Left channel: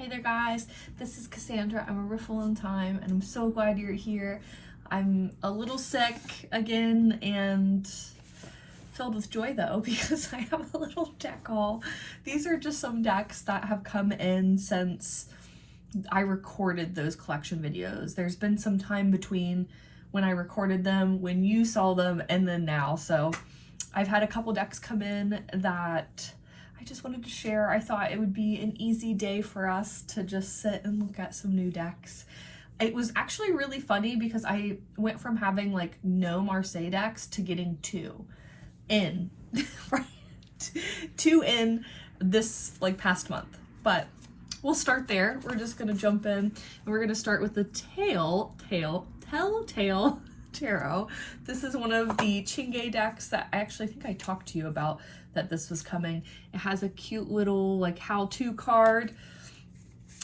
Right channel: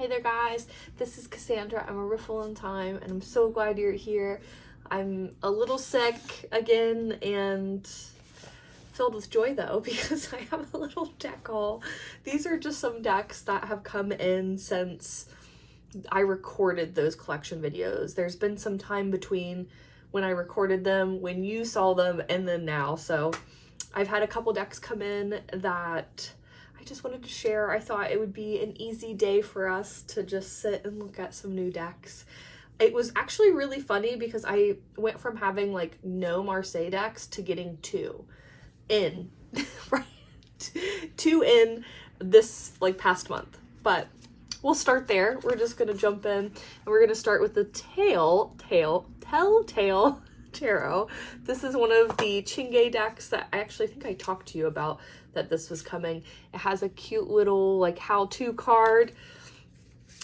Hi there guys, this is Cassandra. I'm a Riffle on Time and I'm so glad you're here. I'm a little sick again and filled with joy though because I have a little deck haul. These are just some decks that have come in since I recorded those collection videos. There's been some time between when I recorded them, when you saw them, and then now. So I've had a couple decks come in that I just wanted to share. I thought it would be an easy day for us to just sit and look at some new decks. It was actually really funny because I went from having like no Marseille decks to getting two in, right? Two in this like past month. But we'll start there. We're just gonna jump in and we're gonna start with the Telltale Tarot. This is one of the Chingay decks that I actually think I talked to you about, that this was coming. It has a cute little like how-to card,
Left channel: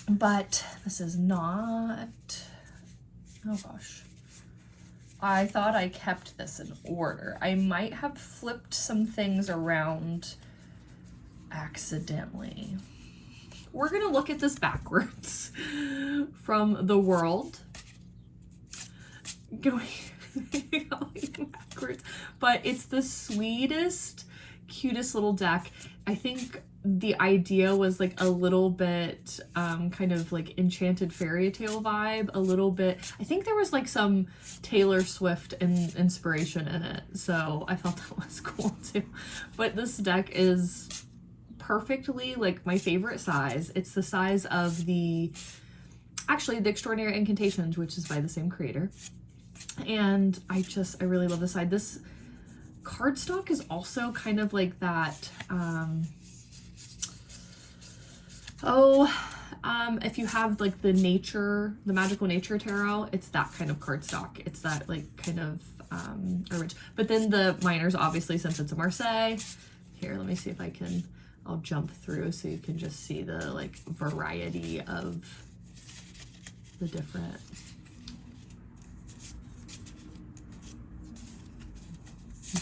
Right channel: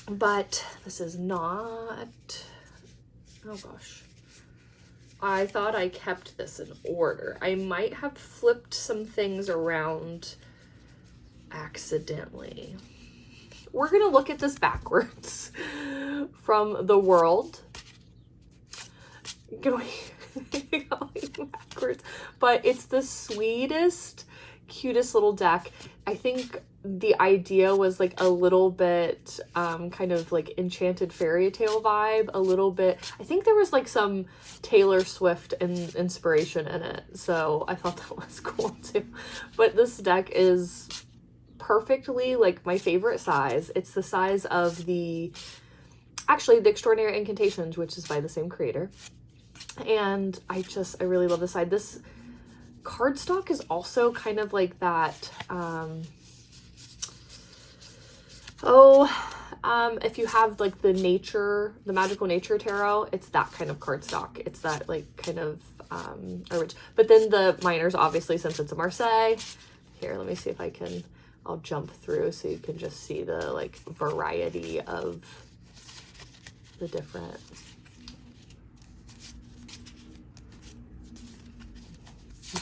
but this is not, oh gosh. I thought I kept this in order. I might have flipped some things around accidentally. We're gonna look at this backwards from the world. Going backwards, but it's the sweetest, cutest little deck. I think the idea was like a little bit kind of like Enchanted Fairy Tale vibe, a little bit. I think there was like some Taylor Swift inspiration in it, so I thought that was cool too. But this deck is perfectly like my favorite size. It's the size of the Extraordinary Incantations, which is by the same creator. And I really love this side. This cardstock is also kind of like that, if you have like the Magical Nature Tarot, it's that kind of cardstock. It's that like kind of, but then the minors, obviously, since it's a Marseille. Here, let me see if I'll jump through so you can just see the like variety of the different.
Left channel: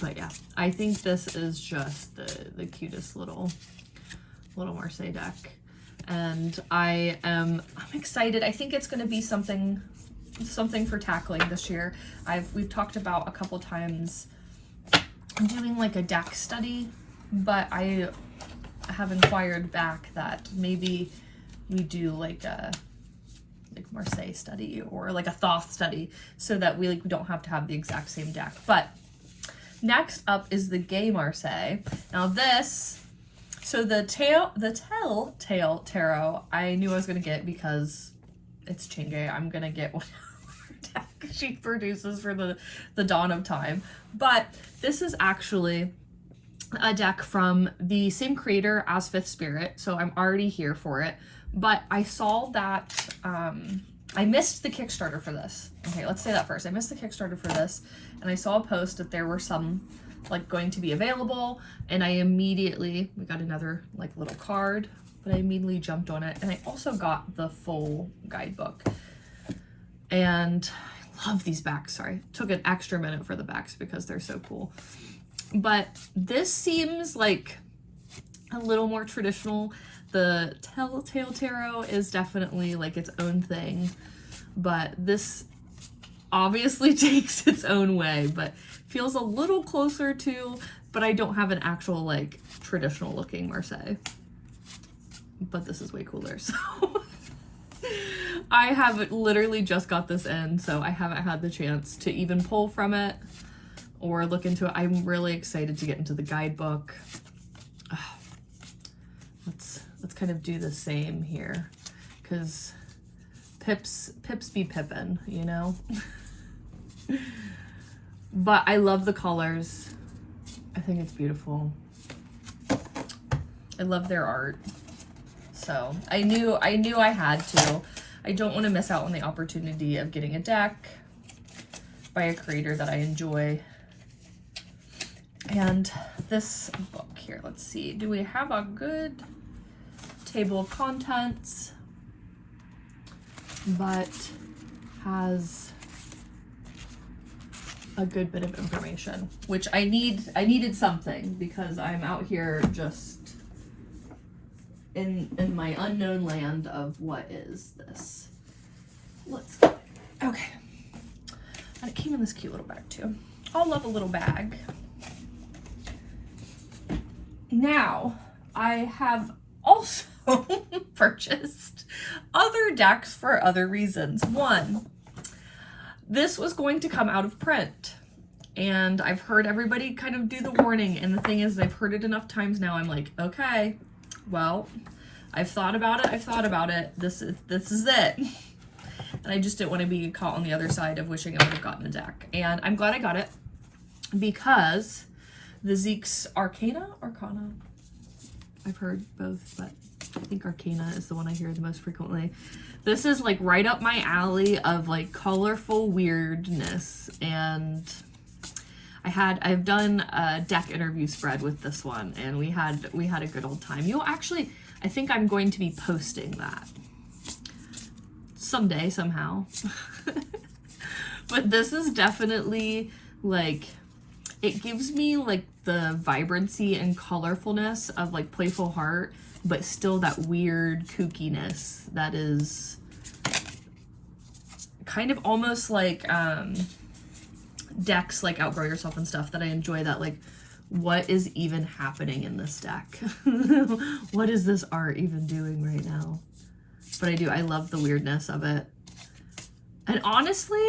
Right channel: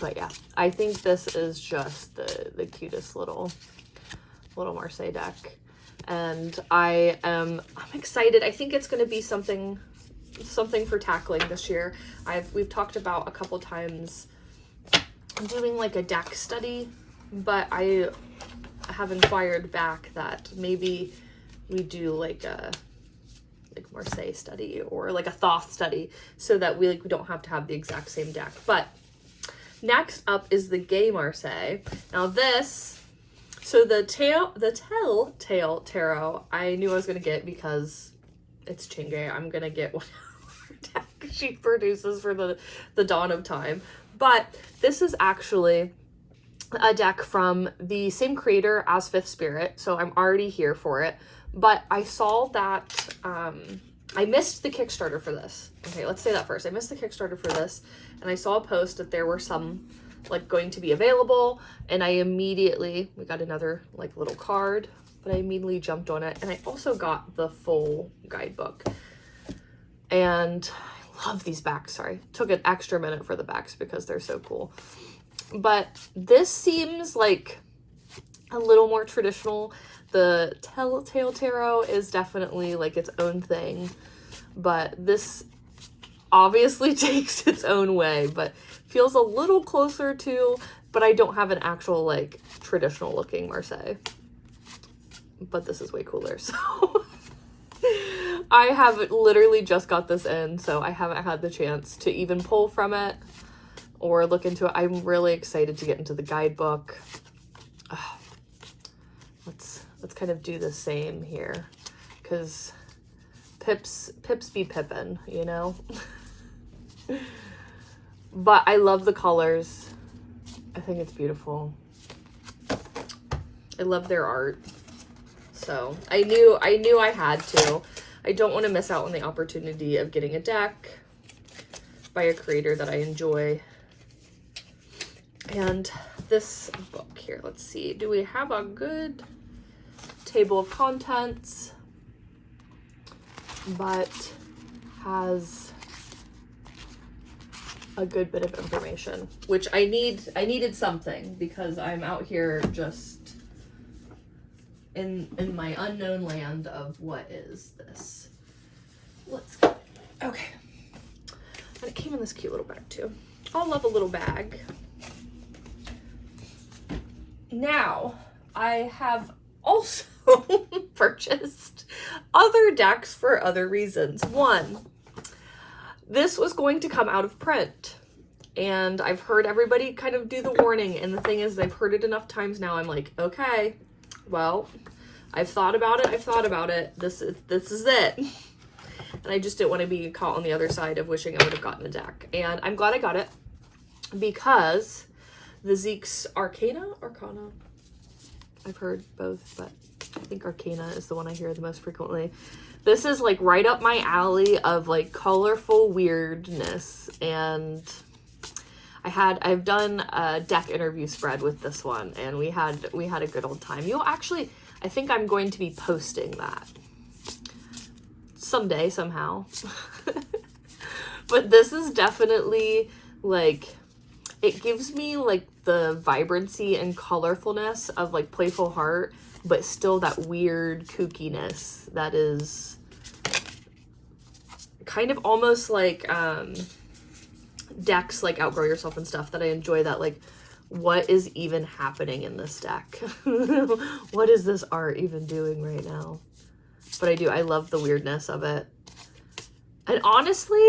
But yeah, I think this is just the cutest little Marseille deck. And I'm excited. I think it's going to be something for tackling this year. We've talked about a couple times doing like a deck study, but I have inquired back that maybe we do like a Marseille study or like a Thoth study so that we don't have to have the exact same deck. But next up is the Gay Marseille. Now this, so the Telltale Tarot, I knew I was going to get because it's Chingay. I'm going to get whatever deck she produces for the dawn of time. But this is actually a deck from the same creator as Fifth Spirit, so I'm already here for it. But I saw that, I missed the Kickstarter for this. Okay, let's say that first. I missed the Kickstarter for this, and I saw a post that there were some like going to be available, and we got another like little card, but I immediately jumped on it. And I also got the full guidebook, and I love these backs. Sorry, took an extra minute for the backs because they're so cool. But this seems like a little more traditional. The Telltale Tarot is definitely like its own thing, but this obviously takes its own way, but feels a little closer to, but I don't have an actual like traditional looking Marseille. But this is way cooler, so I have literally just got this in, so I haven't had the chance to even pull from it or look into it. I'm really excited to get into the guidebook. Oh, let's kind of do the same here, because pips be pippin', you know? But I love the colors. I think it's beautiful. I love their art. So I knew I had to. I don't want to miss out on the opportunity of getting a deck by a creator that I enjoy. And this book here, let's see. Do we have a good table of contents? But has a good bit of information, which I needed something because I'm out here just in my unknown land of what is this. Let's go. Okay. And it came in this cute little bag too. I'll love a little bag. Now, I have also purchased other decks for other reasons. One, this was going to come out of print, and I've heard everybody kind of do the warning, and the thing is, I've heard it enough times now, I'm like, okay, well, I've thought about it, this is it. And I just didn't want to be caught on the other side of wishing I would have gotten a deck. And I'm glad I got it, because the Zeke's Arcana? I've heard both, but I think Arcana is the one I hear the most frequently. This is like right up my alley of like colorful weirdness, and I've done a deck interview spread with this one, and we had a good old time. I think I'm going to be posting that someday, somehow. But this is definitely like, it gives me like the vibrancy and colorfulness of like Playful Heart, but still that weird kookiness that is kind of almost like decks like Outgrow Yourself and stuff, that I enjoy, that like, what is even happening in this deck? What is this art even doing right now? But I love the weirdness of it. And honestly,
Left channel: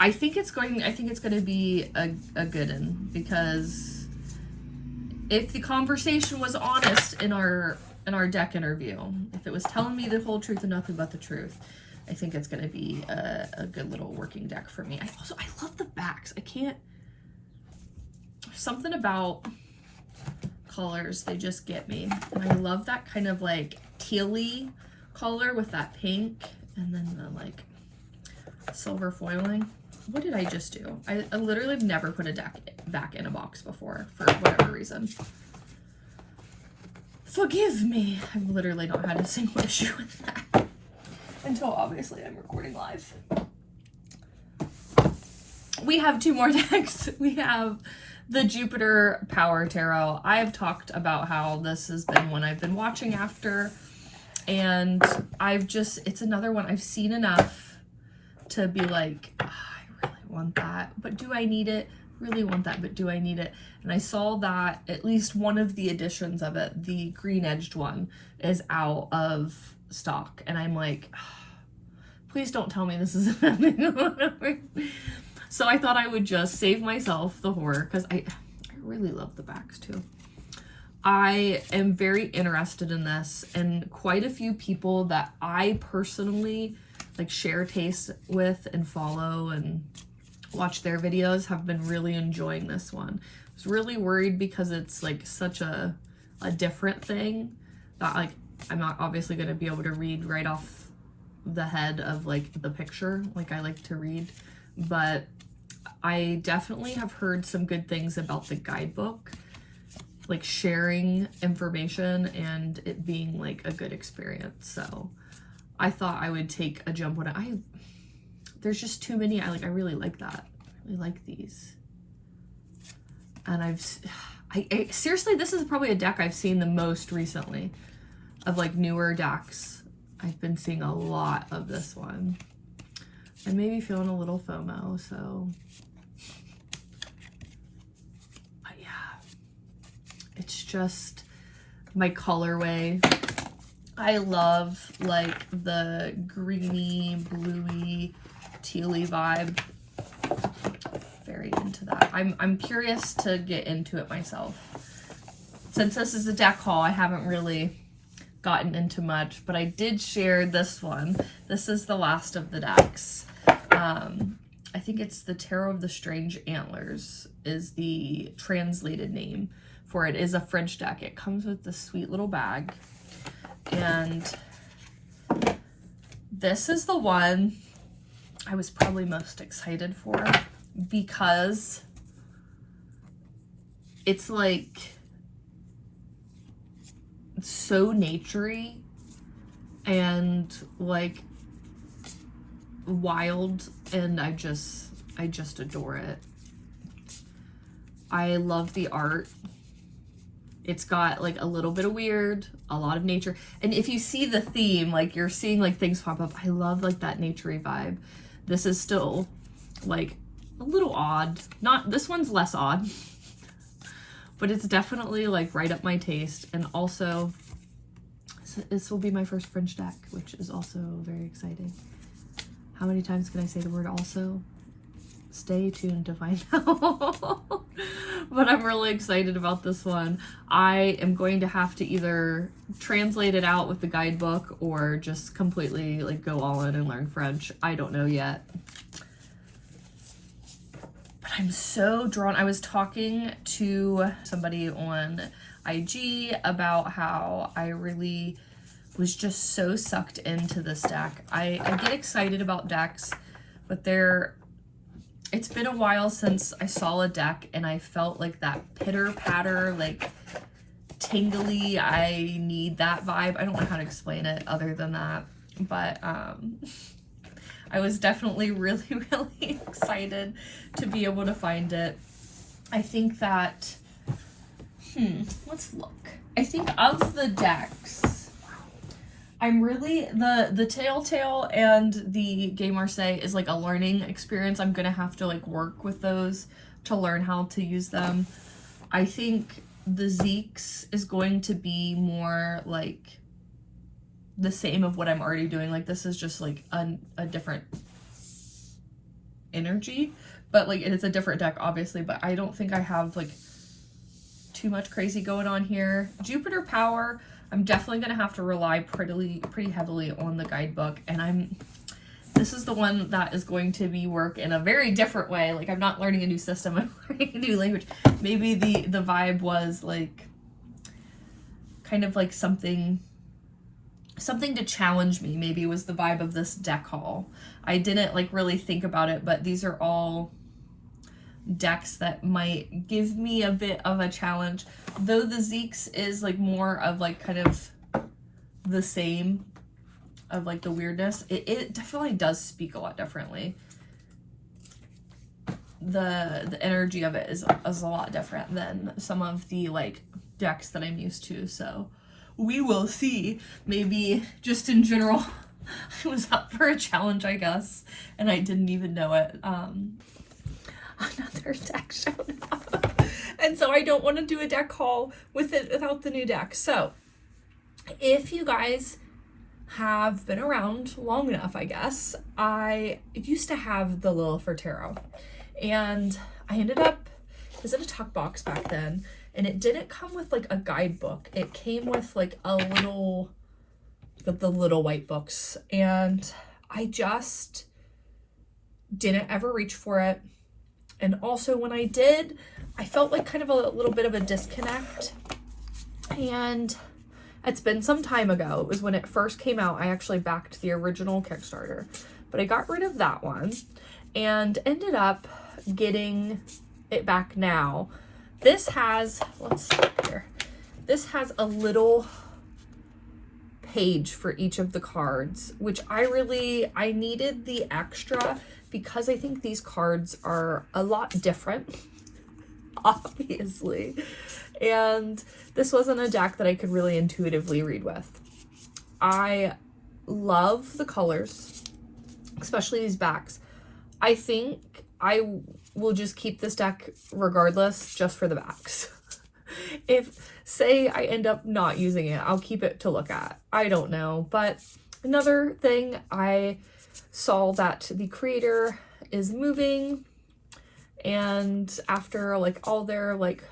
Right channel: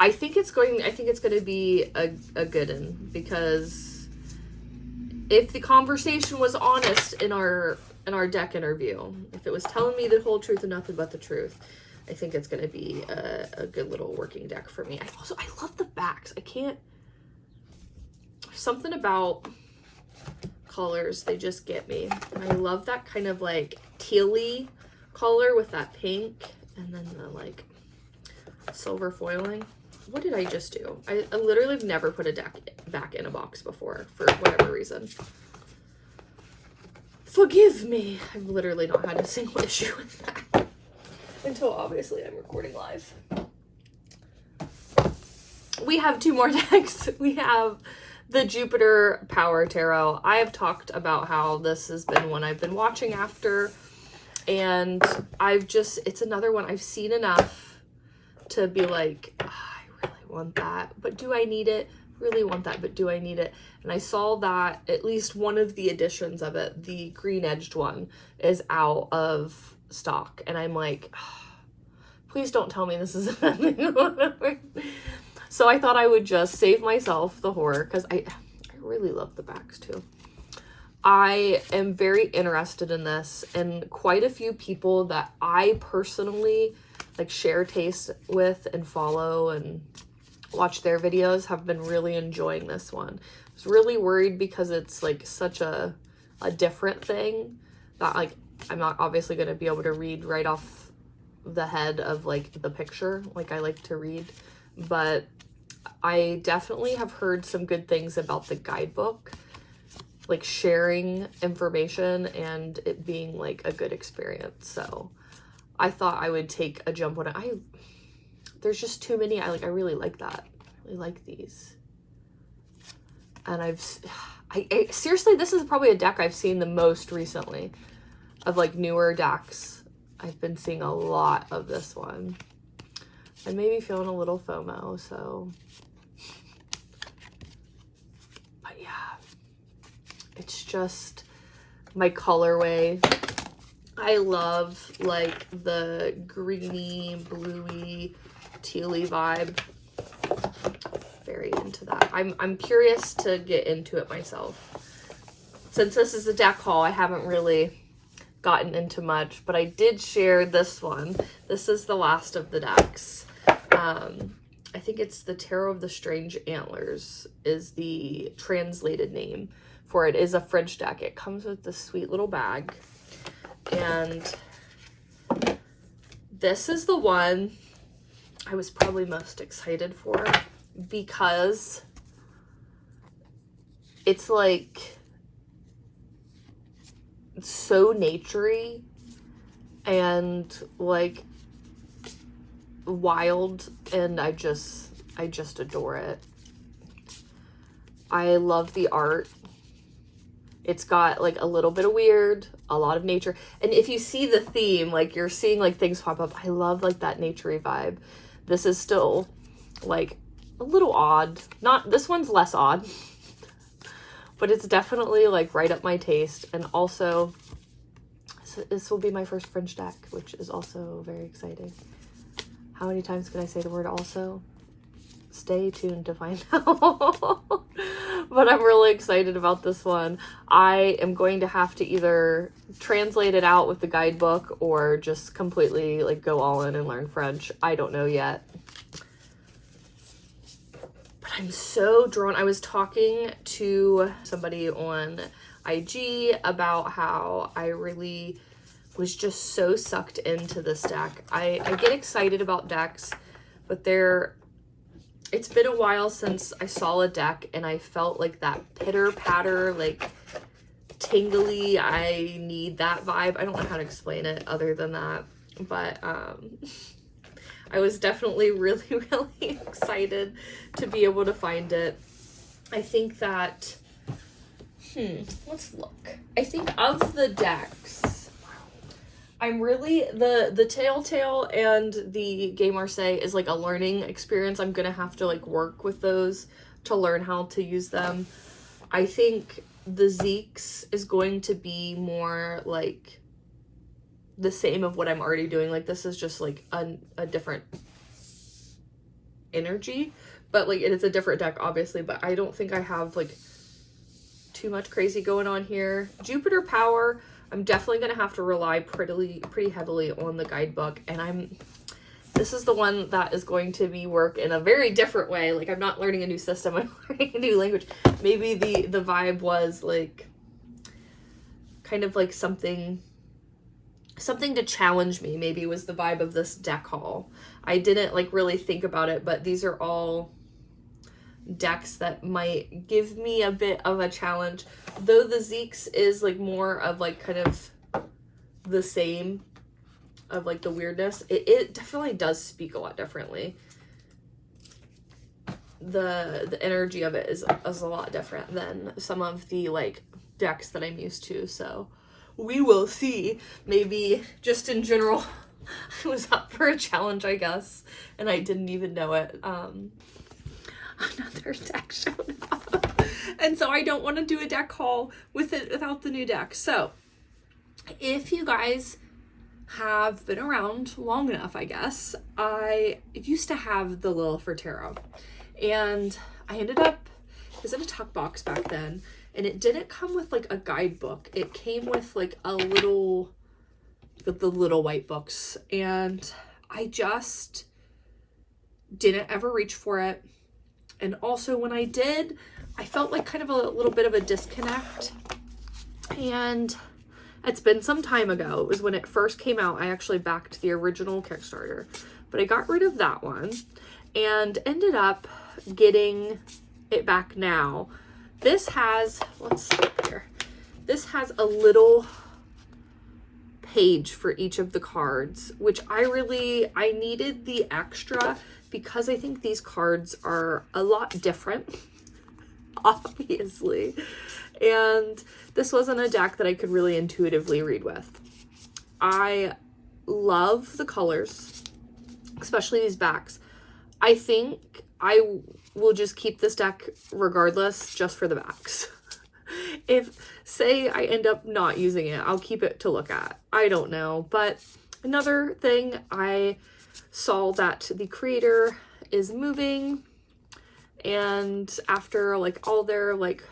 I think it's going to be a good one, because if the conversation was honest in our deck interview, if it was telling me the whole truth and nothing but the truth, I think it's going to be a good little working deck for me. I love the backs. Something about colors, they just get me. And I love that kind of like tealy color with that pink, and then the like silver foiling. What did I just do? I literally have never put a deck back in a box before for whatever reason. Forgive me. I've literally not had a single issue with that. Until obviously I'm recording live. We have two more decks. We have the Jupiter Power Tarot. I have talked about how this has been one I've been watching after, and it's another one I've seen enough to be like, oh, I really want that, but do I need it? Really want that, but do I need it? And I saw that at least one of the editions of it, the green edged one, is out of stock, and I'm like, oh, please don't tell me this is happening. So I thought I would just save myself the horror, because I really love the backs too. I am very interested in this, and quite a few people that I personally like share taste with and follow and watch their videos have been really enjoying this one. I was really worried because it's like such a different thing that like I'm not obviously going to be able to read right off the head of like the picture like I like to read, but I definitely have heard some good things about the guidebook, like sharing information and it being like a good experience. So I thought I would take a jump on it. There's just too many. I really like that. I really like these. And I seriously, this is probably a deck I've seen the most recently of like newer decks. I've been seeing a lot of this one. I may be feeling a little FOMO, so. But yeah, it's just my colorway. I love like the greeny, bluey, tealy vibe. Very into that. I'm curious to get into it myself. Since this is a deck haul, I haven't really gotten into much, but I did share this one. This is the last of the decks. I think it's the Tarot of the Strange Antlers is the translated name for it. It is a French deck. It comes with this sweet little bag, and this is the one I was probably most excited for because it's like so naturey and like wild, and I just adore it. I love the art. It's got like a little bit of weird, a lot of nature. And if you see the theme, like you're seeing like things pop up. I love like that naturey vibe. This is still like a little odd. Not, this one's less odd, but it's definitely like right up my taste. And also this will be my first French deck, which is also very exciting. How many times can I say the word also? Stay tuned to find out. But I'm really excited about this one. I am going to have to either translate it out with the guidebook or just completely like go all in and learn French. I don't know yet. But I'm so drawn. I was talking to somebody on IG about how I really was just so sucked into this deck. I get excited about decks, but it's been a while since I saw a deck and I felt like that pitter patter, like tingly, I need that vibe. I don't know how to explain it other than that, but I was definitely really, really excited to be able to find it. I think that, let's look. I think of the decks, I'm really, the Telltale and the Game Marseille is like a learning experience. I'm gonna have to like work with those to learn how to use them. I think the Zeeks is going to be more like the same of what I'm already doing. Like this is just like a different energy, but like it is a different deck obviously, but I don't think I have like too much crazy going on here. Jupiter Power, I'm definitely going to have to rely pretty heavily on the guidebook, and this is the one that is going to be work in a very different way. Like I'm not learning a new system, I'm learning a new language. Maybe the vibe was like kind of like something to challenge me, maybe was the vibe of this deck haul. I didn't like really think about it, but these are all decks that might give me a bit of a challenge, though the Zeeks is like more of like kind of the same of like the weirdness. It definitely does speak a lot differently. The energy of it is a lot different than some of the like decks that I'm used to, so we will see. Maybe just in general I was up for a challenge, I guess, and I didn't even know it. Another deck showed up, and so I don't want to do a deck haul without the new deck. So if you guys have been around long enough, I guess, I used to have the Lillifer Tarot, and I ended up, it was in a tuck box back then, and it didn't come with like a guidebook. It came with like a little, the little white books, and I just didn't ever reach for it. And also when I did, I felt like kind of a little bit of a disconnect. And it's been some time ago. It was when it first came out. I actually backed the original Kickstarter, but I got rid of that one and ended up getting it back now. This has, let's see here. This has a little page for each of the cards, which I needed the extra because I think these cards are a lot different, obviously. And this wasn't a deck that I could really intuitively read with. I love the colors, especially these backs. I think I will just keep this deck regardless, just for the backs. If, say, I end up not using it, I'll keep it to look at. I don't know. But another thing, I saw that the creator is moving, and after like all their like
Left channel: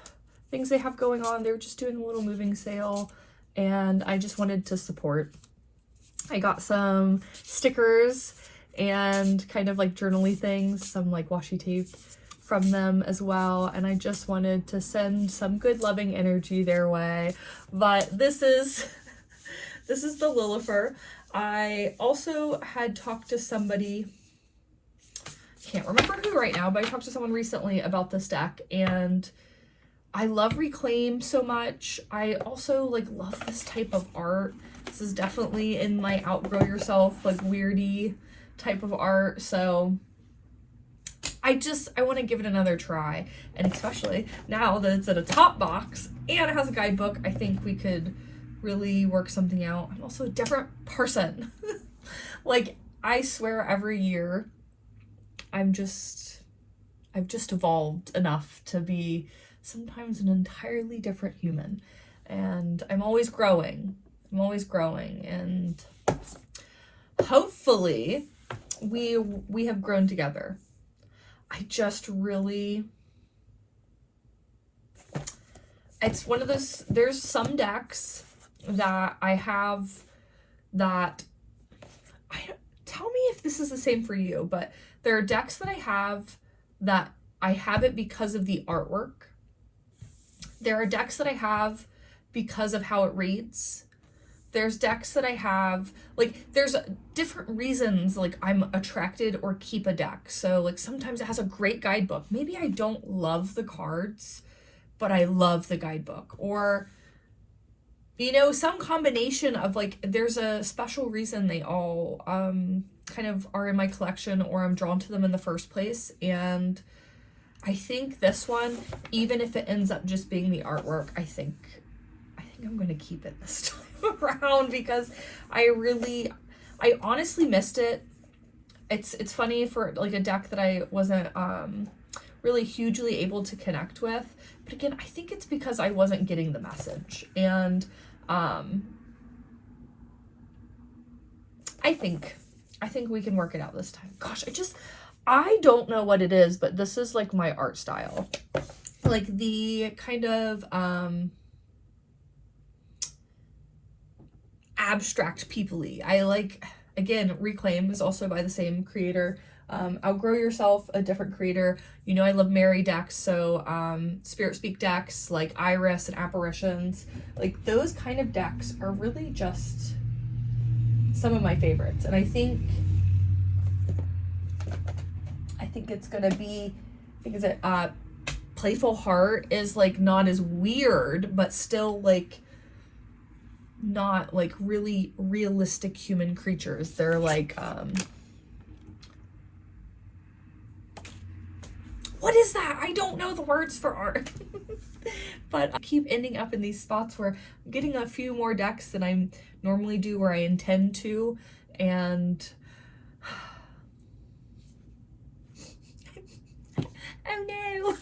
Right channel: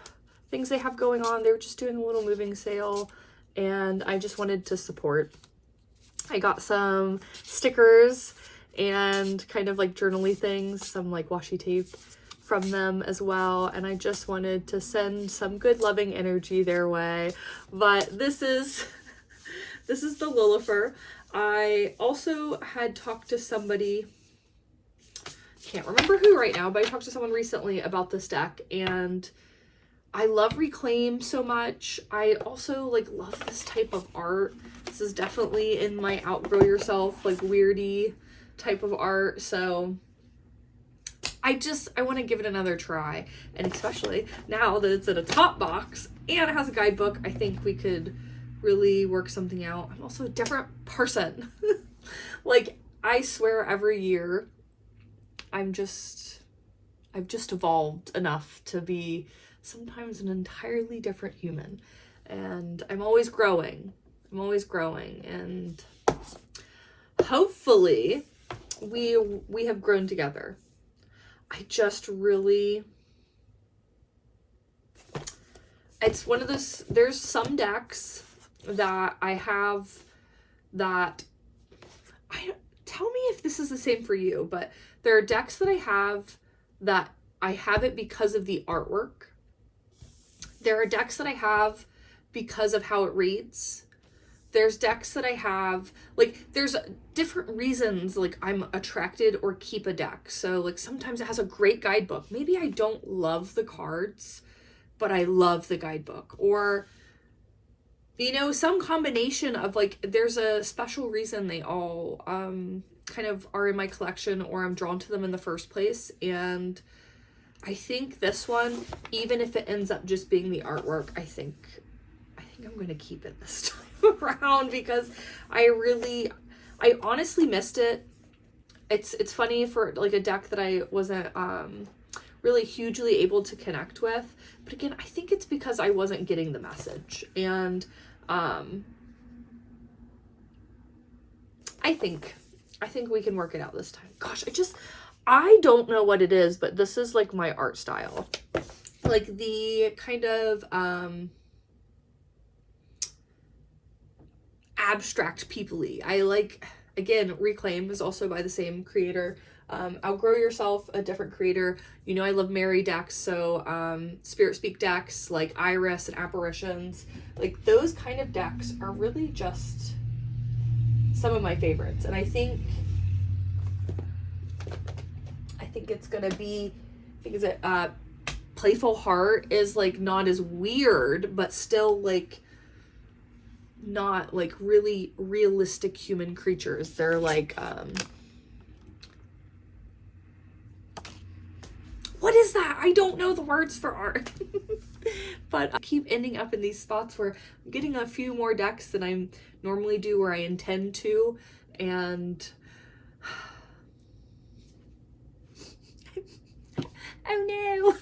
things they have going on, they're just doing a little moving sale, and I just wanted to support. I got some stickers and kind of like journaly things, some like washi tape from them as well, and I just wanted to send some good loving energy their way. But this is the Lillifer. I also had talked to somebody, can't remember who right now, but I talked to someone recently about this deck, and I love Reclaim so much. I also like love this type of art. This is definitely in my outgrow yourself, like weirdy type of art. So I want to give it another try. And especially now that it's in a top box and it has a guidebook, I think we could really work something out. I'm also a different person. Like, I swear every year I've just evolved enough to be sometimes an entirely different human. And I'm always growing. And hopefully we have grown together. I just really, it's one of those, there's some decks that I have that, tell me if this is the same for you, but there are decks that I have it because of the artwork. There are decks that I have because of how it reads. There's decks that I have, like, there's different reasons, like, I'm attracted or keep a deck. So, like, sometimes it has a great guidebook. Maybe I don't love the cards, but I love the guidebook. Or, you know, some combination of, like, there's a special reason they all kind of are in my collection, or I'm drawn to them in the first place. And I think this one, even if it ends up just being the artwork, I think I'm going to keep it this time around, because I honestly missed it. It's funny for, like, a deck that I wasn't really hugely able to connect with, but again, I think it's because I wasn't getting the message. And I think we can work it out this time. Gosh, I don't know what it is, but this is, like, my art style. Like, the kind of abstract people-y. I like, again, Reclaim is also by the same creator. Outgrow Yourself, a different creator. You know, I love Mary decks, so Spirit Speak decks, like Iris and Apparitions. Like, those kind of decks are really just some of my favorites. And I think it's gonna be, Playful Heart is, like, not as weird, but still, like, not, like, really realistic human creatures. They're like, what is that? I don't know the words for art. But I keep ending up in these spots where I'm getting a few more decks than I normally do, or I intend to, and oh no.